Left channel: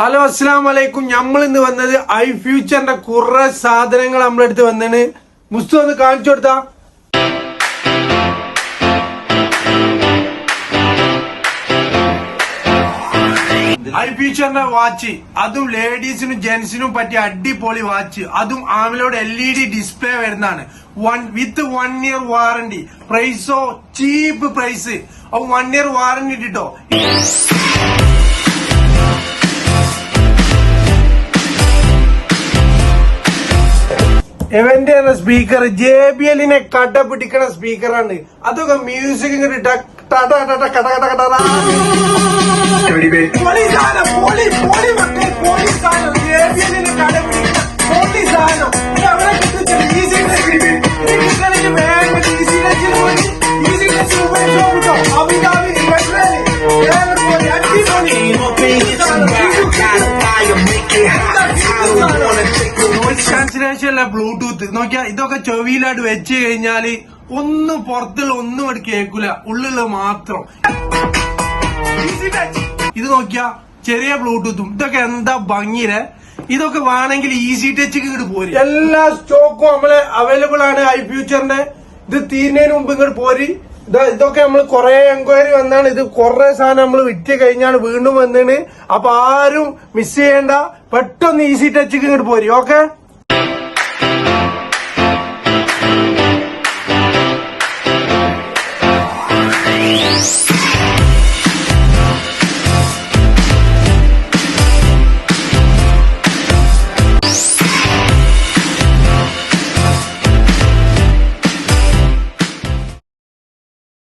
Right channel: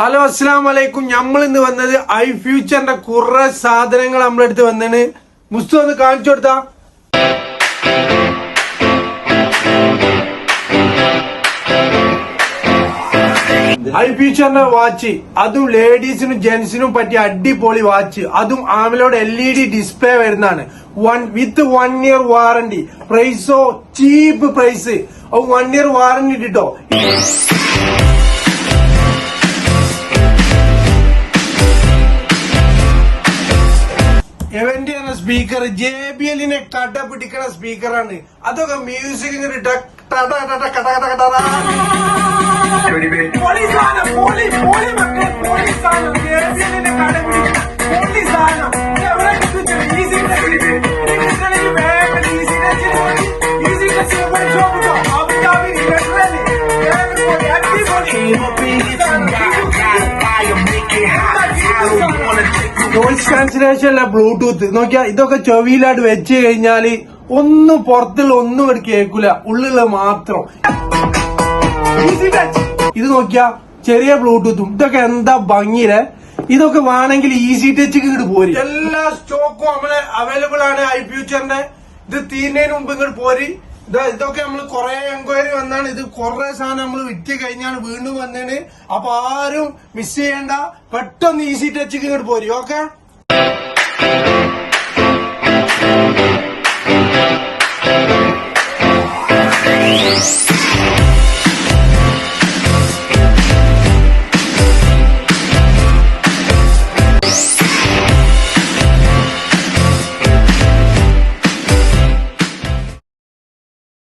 Hello അസ്സലാമു അലൈക്കും. നമ്മൾ ഇന്ന് വന്നത് ഐ ഫ്യൂച്ചറിന്റെ കുറെ സാധനങ്ങൾ നമ്മളെടുത്ത് വന്നാണ്. മുസ്തു ഒന്ന് കാണിച്ചു കൊടുത്താ. ഐ ഫ്യൂച്ചറിന്റെ വാച്ച്, അതും ലേഡീസിനും ജെന്റ്സിനും പറ്റിയ അടിപൊളി വാച്ച്, അതും ആമിലോട് LED ഡിസ്പ്ലേ വരുന്നതാണ്. വിത്ത് 1 ഇയർ വാറന്റി. പ്രൈസോ ചീപ്പ് പ്രൈസ്. 1 ഇയർ വാറന്റി കിട്ടോ. എവന്റെ സ്പീക്കർ JBLനെ കട പിടിക്കണ സ്പീക്കറാണ്. അതൊക്കെ മ്യൂസിക് ഇങ്ങോട്ട് നോയിസ് ക്യാൻസലേഷൻ അല്ല, ബ്ലൂടൂത്ത്. നോക്കിയാ ഇതൊക്കെ ചെവിയിലായിട്ട് വെച്ച് കഴിഞ്ഞാല് ഒന്നും പുറത്തുള്ള ഒന്നും ഇവിടെ കേൾക്കൂല, ഉള്ളിലുള്ള മാത്രം. ഇത് നോക്കിയാ ചെറിയ ബ്ലൂടൂത്തും. ഇതൊക്കെ എന്താ ഭംഗിയിലെ. ഇതൊക്കെ വേണമെങ്കിൽ ഈസി ടച്ചിക്ക് ഇങ്ങോട്ട് പോരി. എല്ലാ സ്റ്റോക്കും നമ്മള് അവൈലബിൾ ആണ് ഐ ഫ്യൂച്ചറിന്റെ. ഇത് തീരുന്നതിന് മുമ്പ് ഇങ്ങോട്ട് പോരി. ഇതൊക്കെ നമ്മൾ കുറെ എൻക്വയറി വന്നാണ്. ഇത് കുറെ സാധനം നമ്മൾ വിറ്റ് കഴിഞ്ഞാണ് വീണ്ടും വന്നേണ്. അപ്പൊ ആരും മിസ് ചെയ്യണ്ട, പെട്ടെന്ന് ഈസി ടച്ചിക്ക് ഇങ്ങോട്ട് പോരി. ഓക്കെ.